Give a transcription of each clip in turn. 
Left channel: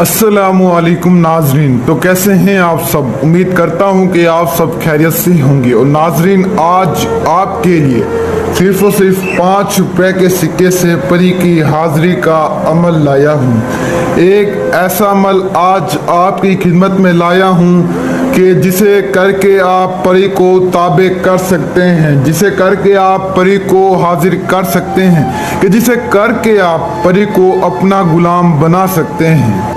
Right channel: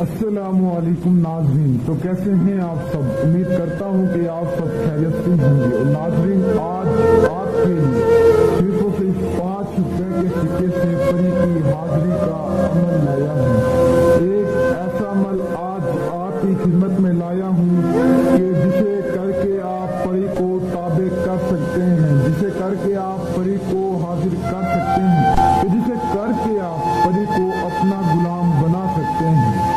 अस्सलामुअलैकुम नाजरीन, तो कैसे हैं आप सब। उम्मीद करता हूं कि आप सब खैरियत से होंगे। और नाजरीन, आज आपके लिए सिर्फ और सिर्फ 5 रुपए के सिक्के से परी की हाजिरी का अमल लाया हूं। एक ऐसा अमल आज आपकी खिदमत में लाया हूं कि जिसे करके आप परी को ताबे कर सकते हैं, जिसे करके आप परी को हाजिर कर सकते हैं, कि जिसे करके आप परी को अपना गुलाम बना सकते हैं।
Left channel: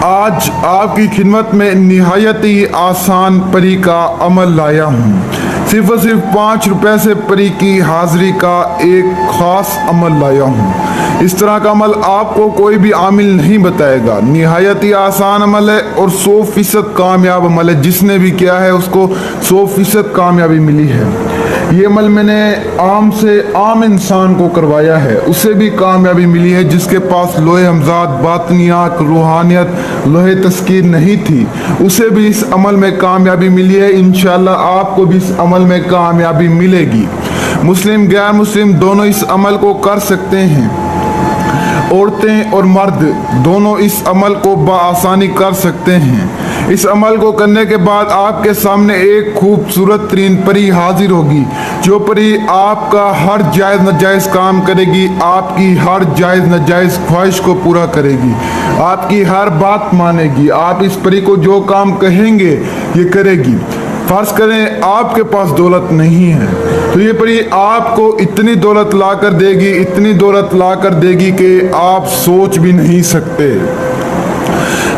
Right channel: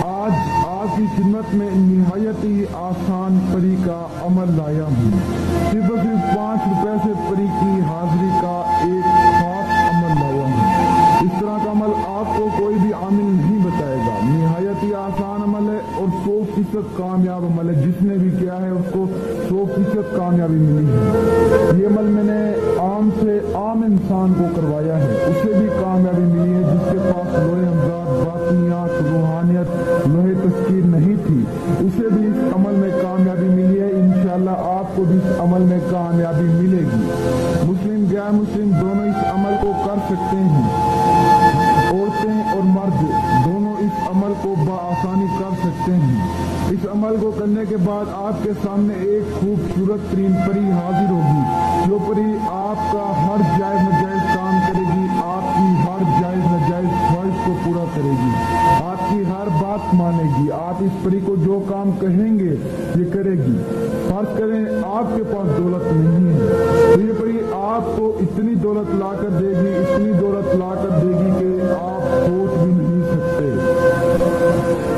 आज आपकी खिदमत में निहायत ही आसान परी का अमल लाया हूँ। सिर्फ और सिर्फ 5 रुपए से परी की हाजिरी का एक खास अमल लाया हूँ। इस तरह का अमल आपको कोई भी आमिल नहीं बताएगा। निहायत ही आसान अमल है और 100% कामयाब अमल है। जिसने भी किया है उसको 100% कामयाबी मिली है। ये अमल मैंने आम से आम इंसान को करवाया है, उससे भी कामयाबी मिली है। जिसके पास लोहे हमजाद, बातनियात, रूहानियत, लोहे तस्कीर नहीं थी, उसे भी इस अमल में कामयाबी मिली है। इंशाल्लाह आपको भी इस अमल में कामयाबी मिलेगी। मुस्लिम गैर मुस्लिम दोनों इस अमल को कर सकते हैं। औरतें और मर्द दोनों इस अमल को बआसानी कर सकते हैं। इस अमल को करने के बाद आपके सामने एक खूबसूरत तरीन परी हाजिर होगी, जो परी आपका हर जायज़ नाजायज़ काम करेगी, आपकी हर जायज़ नाजायज़ ख्वाहिश को पूरा करेगी, आपकी हर बात मानेगी। आप इस परी को जो काम कहेंगे ये करेगी। फर्ज करें आपके पास दौलत नहीं है, तो ये परी आपको इतनी दौलत ला कर देगी, इतनी दौलत ला कर देगी कि आप सोच भी नहीं सकते।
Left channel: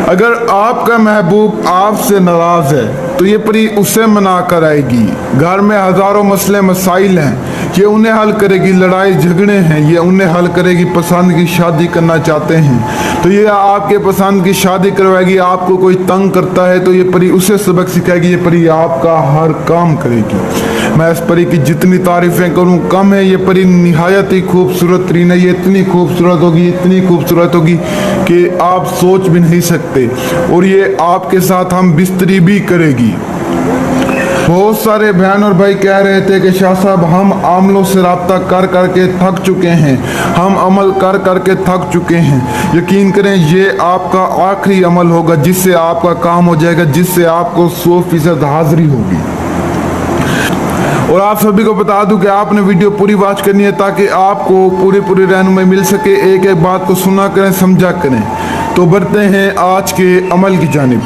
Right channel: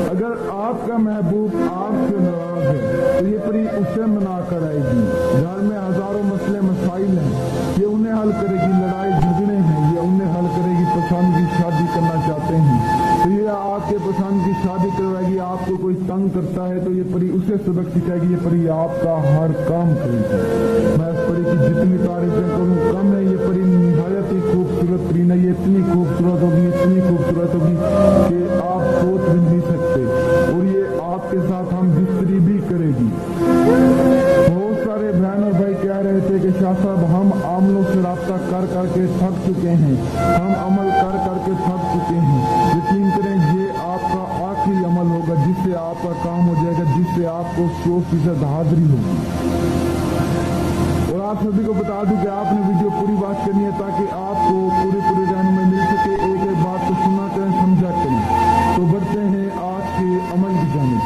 अगर आपका महबूब आपसे नाराज है तो ये परी उसे मना कर आएगी। घर में हजारों मसले मसाइल हैं, ये उन्हें हल करेगी। लड़ाई झगड़े हैं, ये उन्हें हल करेगी। पसंद की शादी करना चाहते हैं तो ये आपके पसंद की शादी करवाएगी। आपको कोई तंग करता है तो ये परी उसे सबक सिखाएगी। ये परी आपका हर काम करेगी। मैं इस परी की जितनी तारीफें करूं कम है। ये परी निहायत ही खूबसूरत तरीन है। ये इतनी खूबसूरत होगी, इतनी खूबसूरत होगी कि आप सोच भी नहीं सकते। और ये आपके साथ हम बिस्तरी भी करेगी। बहुत सारे बहन और भाई कह रहे थे कि शाह साहब हम आमलों से राब्ता कर करके थक चुके हैं, हम अमल कर करके थक चुके हैं। यकीन करें ये आपका आखिरी अमल होगा जिससे आपका काम हो जाएगा, जिससे आपको 100% हाजिरी होगी। और आप सभी को बता दूं कि आपने वीडियो पूरी वॉच करनी है ताकि आपको पूरी रहनुमाई मिल सके। एक एक बात को सुना करें, समझा करें। तो बढ़ते हैं आज के अमल की जानिब।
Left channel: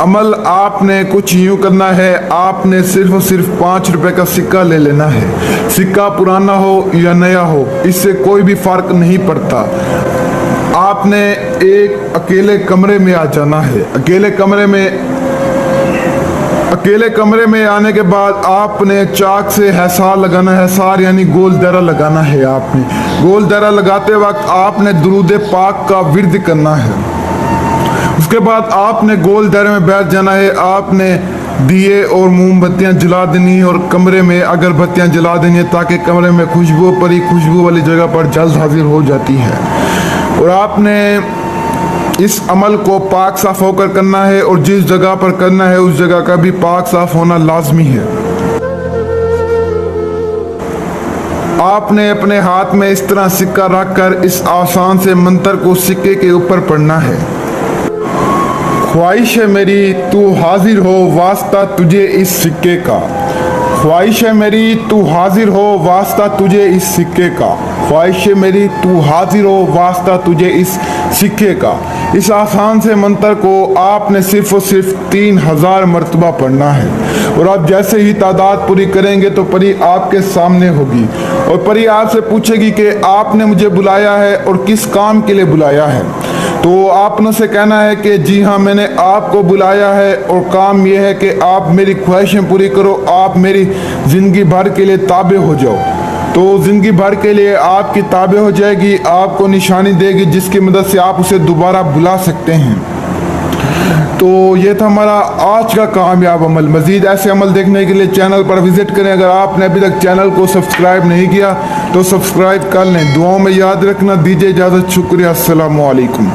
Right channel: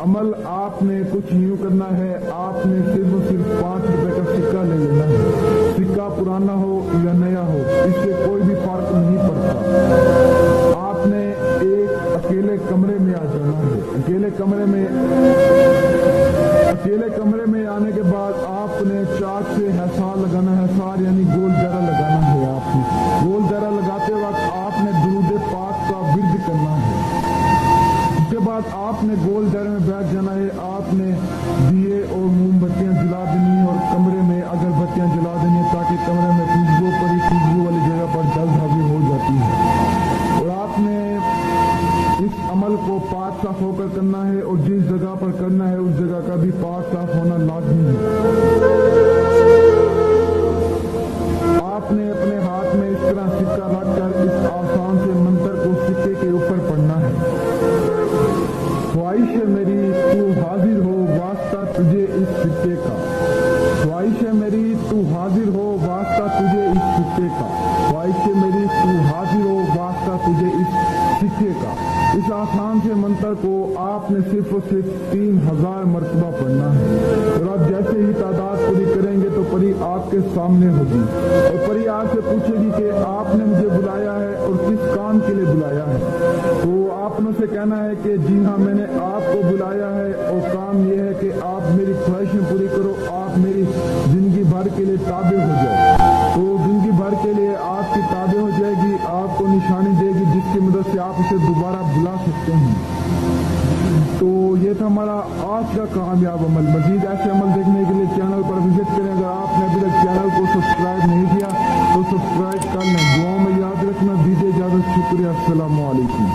अमल आपने कुछ यूं करना है। आपने सिर्फ और सिर्फ 5 रुपए का सिक्का ले लेना है। सिक्का पुराना हो या नया हो, इससे कोई भी फर्क नहीं पड़ता। आपने एक अकेले कमरे में आ जाना है। अकेले कमरे में आने के बाद आपने चाक से हैसार लगाना है। हैसार यानी गोल दायरा लगाना है। आपने गोल दायरा लगाते वक्त आपने दुरूद पाक का विर्द करना है। उसके बाद आपने गोल दायरे में बैठ जाना है। आपने दिए और मोमबत्तियां जला देनी और कमरे में अगरबत्तियां जला देनी है ताकि कमरे में खुशबू परी खुशबू वाली जगह पर जल्द हाजिर हो जाती है। और आपने इस अमल को पाक साफ होकर करना है और जिस जगह पर करना है उस जगह का भी पाक साफ होना लाजमी है। आपने अपने हाथ में इस तरह सिक्का रखकर इस आसान से मंत्र को सिक्के के ऊपर पढ़ना है। ख्वाहिश है मेरी तू हाजिर हो वास्ता तुझे इस सिक्के का। ख्वाहिश है मेरी तू हाजिर हो वास्ता तुझे इस सिक्के का। ख्वाहिश है मेरी तू हाजिर हो वास्ता तुझे इस सिक्के का। इस आसान से मंत्र को आपने सिर्फ और सिर्फ 3000 मरतबा पढ़ना है। और आप जैसे ही तादाद पूरी करेंगे तो परी आपके सामने होगी और परी आपसे पूछेगी कि आपने मुझे बुलाया है और किस काम के लिए बुलाया है। तो आपने उसे कहना है कि जी हाँ, मैंने आपको बुलाया है और काम यह है कि आप मेरी ख्वाहिशें पूरी करो, आप मेरी जिंदगी भर के लिए ताबे हो जाओ। तो जिंदगी भर के लिए आपकी ताबे हो जाएगी, आपको निशानी देगी जिसकी मदद से आप उसे दोबारा बुला सकते हैं। तो ये था हमारा आज का कामयाब अमल। मजीद ऐसे अमल देखने के लिए चैनल पर विजिट करें। अगर आपने अभी तक चैनल को सब्सक्राइब नहीं किया तो सब्सक्राइब कर लें। दुआओं में याद रखना। दीजिए इजाज़त। शुक्रिया। अस्सलामु अलैकुम।